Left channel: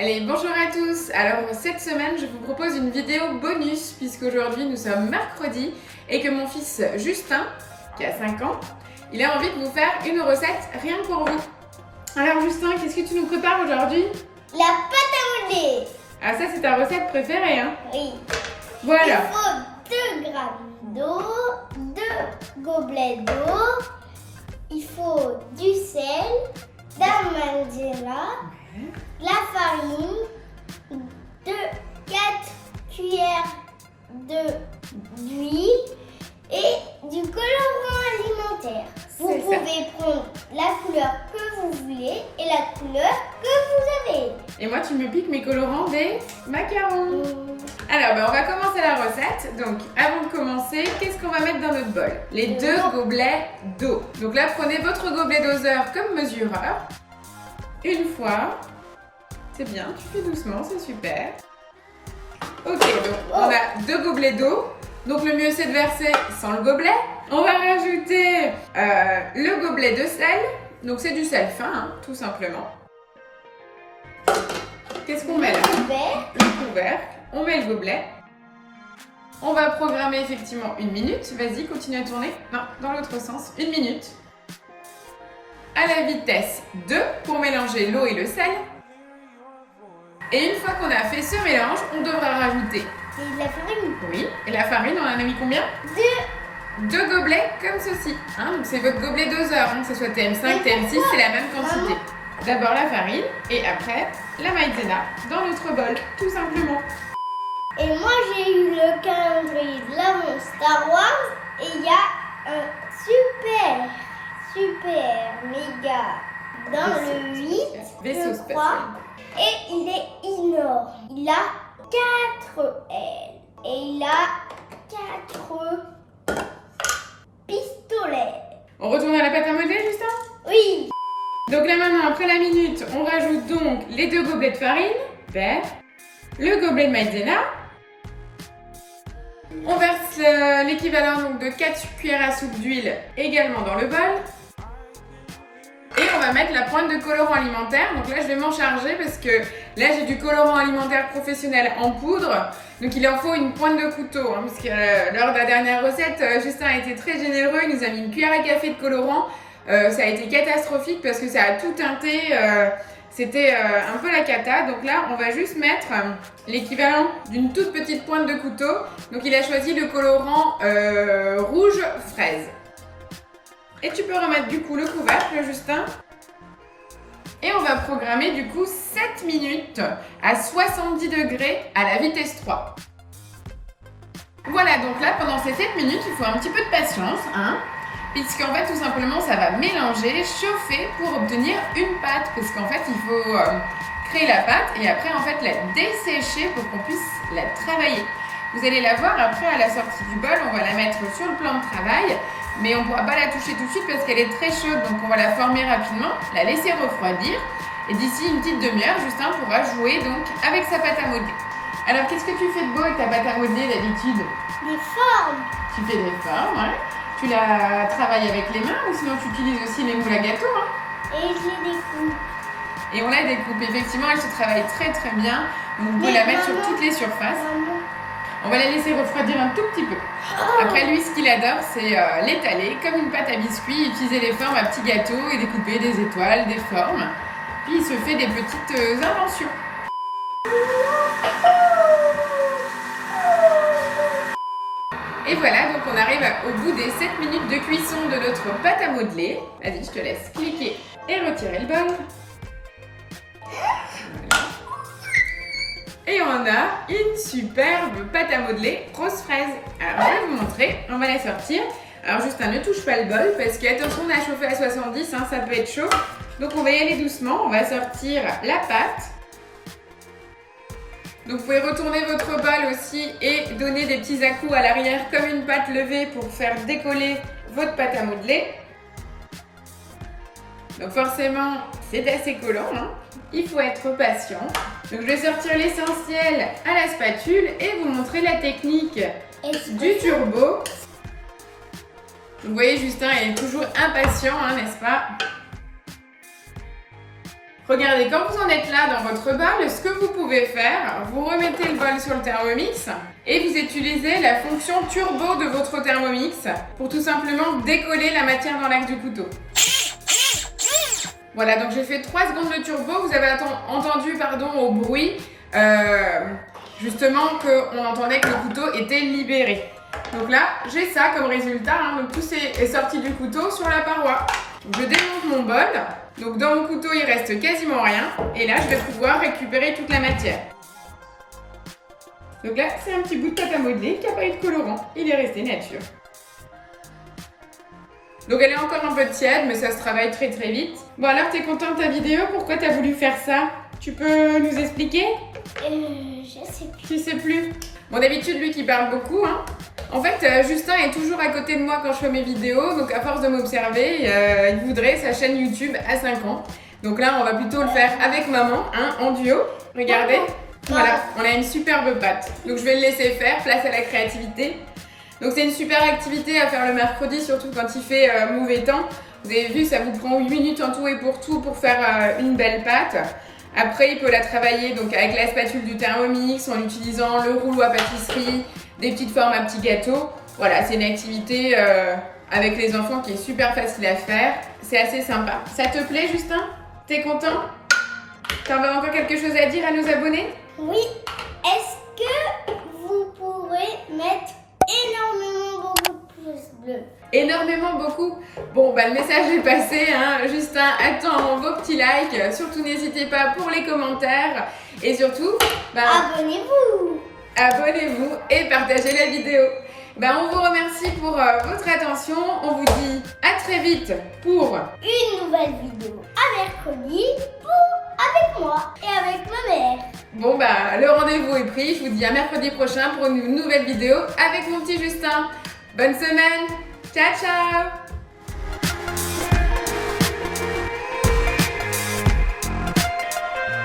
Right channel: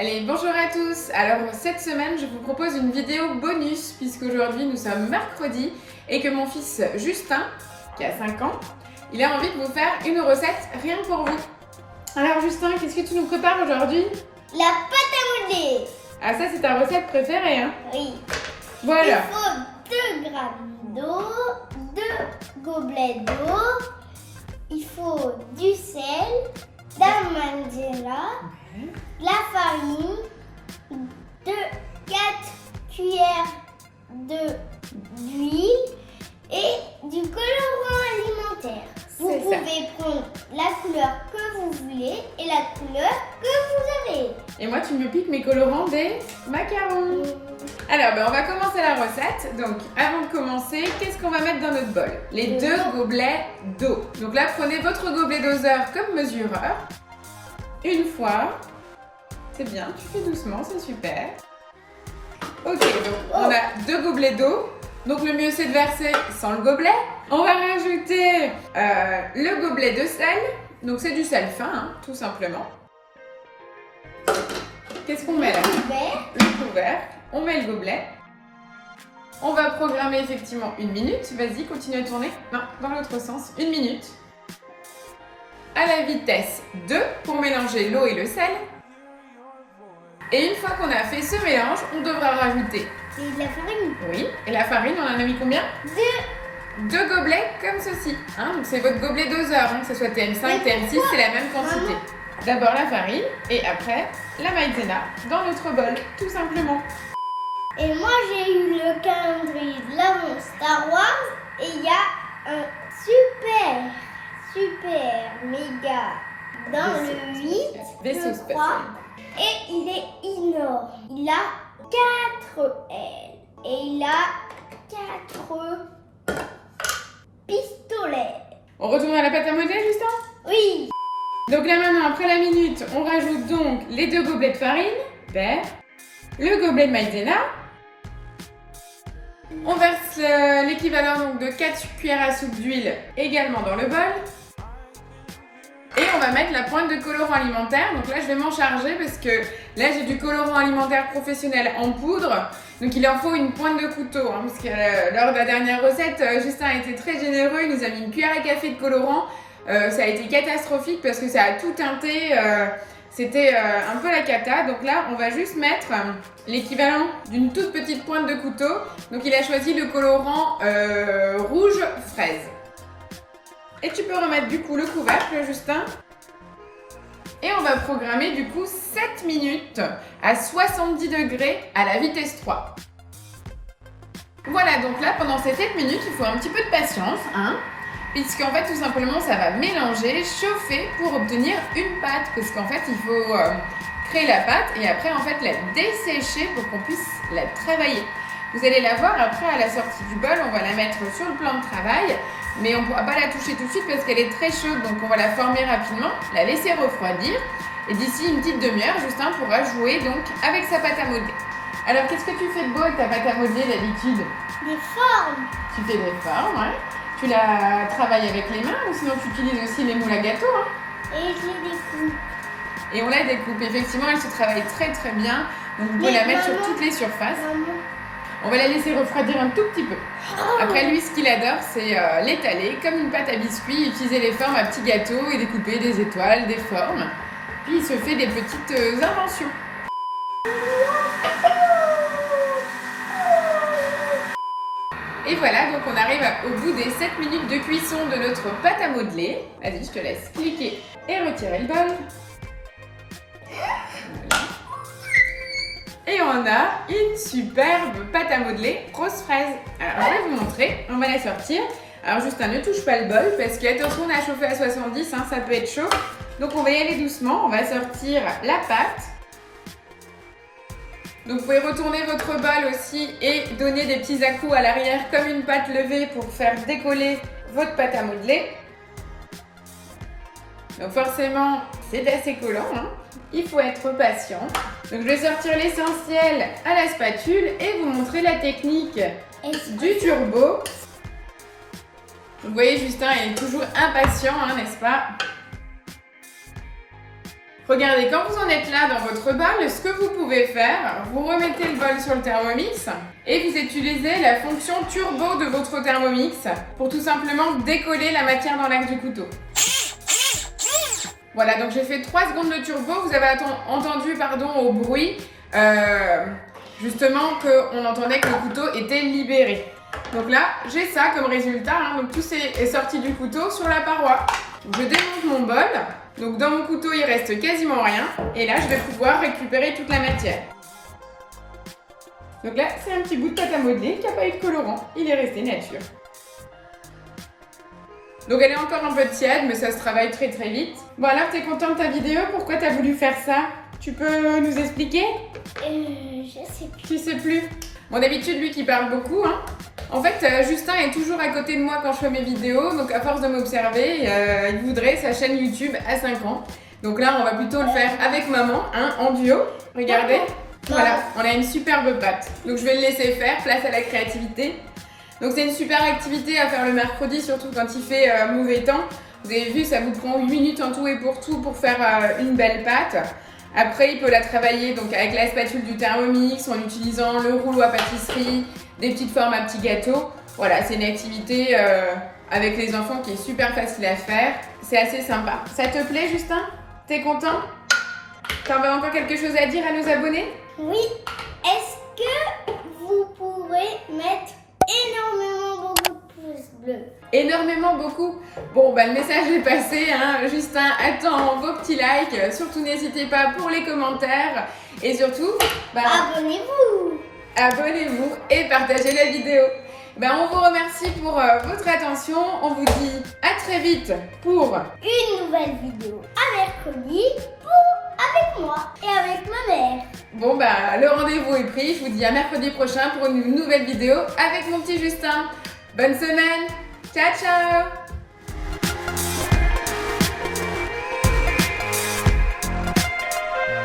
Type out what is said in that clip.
Allez, bonjour à tous. Alors cette semaine, je vous propose une vidéo bonus puisqu'aujourd'hui nous sommes mercredi et que mon fils Justin, qui a 5 ans, il a envie de vous faire une recette rien que pour vous. Alors Justin, qu'est-ce que tu nous prépares aujourd'hui? La pâte à modeler. Ah ça c'est ta recette préférée, hein? Oui. Voilà. Il faut 2 grammes d'eau, 2 gobelets d'eau. Il faut du sel, de la maïzena, de la farine, 4 cuillères d'huile et du colorant alimentaire. Vous pouvez prendre la couleur que vous voulez et la couleur que vous avez. Et moi tu me piques mes colorants des macarons. Alors on va commencer la recette. Donc avant de commencer, qu'est-ce qu'on va mettre dans notre bol? Les 2 gobelets d'eau. Donc là prenez votre gobelet doseur comme mesureur. Une fois. C'est bien, tu fais doucement, c'est super. Ok, donc on a 2 gobelets d'eau. Donc le mieux c'est de verser sans le gobelet. On va rajouter le gobelet de sel. Donc c'est du sel fin, hein, tout simplement. Qu'est-ce qu'on met là? Le couvercle. On met le gobelet. On va programmer effectivement 1 minute. Vas-y, continue à tourner. Non, dans l'autre sens. 1 minute. À la vitesse 2 pour mélanger l'eau et le sel. Et une fois qu'on a fait ce mélange, on devra rajouter Et la farine. Oui, et la farine, on en a mis combien? 2 gobelets comme ceci. Hein, donc c'est votre gobelet doseur, hein, que ce soit TM5, TM6, c'est la même quantité. D'abord la farine et après la maïzena dans notre bol, tout simplement. Et moi j'ai eu le calendrier de l'avant Star Wars et il y a un super méga dans le 8, je crois. Et il est énorme. Il a 4 ailes et il a 4 pistolets. On retourne à la pâte à modeler, Justin? Oui. Donc là maintenant, après la minute, on rajoute donc les 2 gobelets de farine, vert, le gobelet de maïzena. On verse l'équivalent donc de 4 cuillères à soupe d'huile également dans le bol. Et on va mettre la pointe de colorant alimentaire. Donc là, je vais m'en charger parce que là, j'ai du colorant alimentaire professionnel en poudre. Donc il en faut une pointe de couteau. Hein, parce que lors de la dernière recette, Justin a été très généreux. Il nous a mis une cuillère à café de colorant. Ça a été catastrophique parce que ça a tout teinté. C'était un peu la cata. Donc là, on va juste mettre l'équivalent d'une toute petite pointe de couteau. Donc il a choisi le colorant rouge fraise. Et tu peux remettre du coup le couvercle, Justin. Et on va programmer du coup 7 minutes à 70 degrés à la vitesse 3. Voilà, donc là pendant ces 7 minutes, il faut un petit peu de patience, hein, puisqu'en fait tout simplement ça va mélanger, chauffer pour obtenir une pâte. Parce qu'en fait il faut créer la pâte et après en fait la dessécher pour qu'on puisse la travailler. Vous allez la voir après à la sortie du bol, on va la mettre sur le plan de travail. Mais on ne pourra pas la toucher tout de suite parce qu'elle est très chaude, donc on va la former rapidement, la laisser refroidir. Et d'ici une petite demi-heure, Justin pourra jouer donc avec sa pâte à modeler. Alors qu'est-ce que tu fais de beau avec ta pâte à modeler d'habitude? Des formes. Tu fais des formes, ouais. Tu la travailles avec les mains ou sinon tu utilises aussi les moules à gâteau, hein? Et je les découpe. Et on la découpe, effectivement, elle se travaille très très bien. Donc vous pouvez la mettre sur toutes les surfaces. On va la laisser refroidir un tout petit peu. Après lui, ce qu'il adore, c'est l'étaler comme une pâte à biscuits, utiliser les formes à petits gâteaux et découper des étoiles, des formes. Puis il se fait des petites inventions. Et voilà, donc on arrive au bout des 7 minutes de cuisson de notre pâte à modeler. Vas-y, je te laisse cliquer et retirer le bol. Et on a une superbe pâte à modeler rose fraise. Alors je vais vous montrer, on va la sortir. Alors Justin, ne touche pas le bol parce que attention, on a chauffé à 70, hein, ça peut être chaud. Donc on va y aller doucement, on va sortir la pâte. Donc vous pouvez retourner votre bol aussi et donner des petits à-coups à l'arrière comme une pâte levée pour faire décoller votre pâte à modeler. Donc forcément, c'est assez collant, hein. Il faut être patient. Donc je vais sortir l'essentiel à la spatule et vous montrer la technique du turbo. Donc, vous voyez, Justin est toujours impatient, hein, n'est-ce pas? Regardez, quand vous en êtes là dans votre bol, ce que vous pouvez faire, vous remettez le bol sur le Thermomix et vous utilisez la fonction turbo de votre Thermomix pour tout simplement décoller la matière dans l'axe du couteau. Voilà, donc j'ai fait 3 secondes de turbo, vous avez entendu au bruit, justement qu'on entendait que le couteau était libéré. Donc là, j'ai ça comme résultat, donc tout est sorti du couteau sur la paroi. Donc, je démonte mon bol. Donc dans mon couteau, il reste quasiment rien. Et là, je vais pouvoir récupérer toute la matière. Donc là, c'est un petit bout de pâte à modeler qui n'a pas eu de colorant. Il est resté nature. Donc elle est encore un peu tiède, mais ça se travaille très très vite. Bon alors, t'es content de ta vidéo? Pourquoi t'as voulu faire ça? Tu peux nous expliquer? Je sais plus. Tu sais plus? Bon, d'habitude, lui qui parle beaucoup, En fait, Justin est toujours à côté de moi quand je fais mes vidéos, donc à force de m'observer, il voudrait sa chaîne YouTube à 5 ans. Donc là, on va plutôt le faire avec maman, en duo. Regardez, voilà, on a une superbe pâte. Donc je vais le laisser faire, place à la créativité. Donc c'est une super activité à faire le mercredi, surtout quand il fait mauvais temps. Vous avez vu, ça vous prend 8 minutes en tout et pour tout pour faire une belle pâte. Après, il peut la travailler donc avec la spatule du Thermomix, en utilisant le rouleau à pâtisserie, des petites formes à petits gâteaux. Voilà, c'est une activité avec les enfants qui est super facile à faire. C'est assez sympa. Ça te plaît, Justin? T'es content? T'en as encore quelque chose à dire à nos abonnés? Oui. Est-ce que vous pourrez mettre énormément beaucoup de pouces bleus? Énormément, beaucoup. Bon, le message est passé, Justin attend vos petits likes. Surtout, n'hésitez pas pour les commentaires. Et surtout, abonnez-vous. Abonnez-vous et partagez la vidéo. On vous remercie pour votre attention. On vous dit à très vite pour une nouvelle vidéo à mercredi avec moi et avec ma mère. Bon, le rendez-vous est pris. Je vous dis à mercredi prochain pour une nouvelle vidéo avec mon petit Justin. Bonne semaine. Ciao, ciao.